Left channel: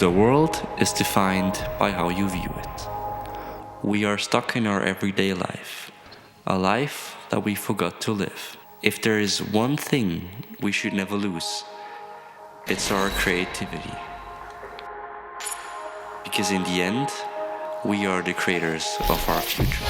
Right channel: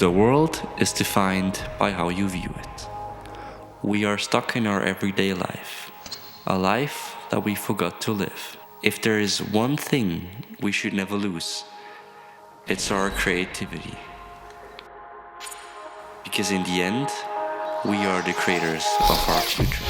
The world is defined by how you view it. We are stuck in our everyday life, a life that we forgot to live. If there is one thing we should never lose, it's our creativity. Because in the end, we are the creators of our future.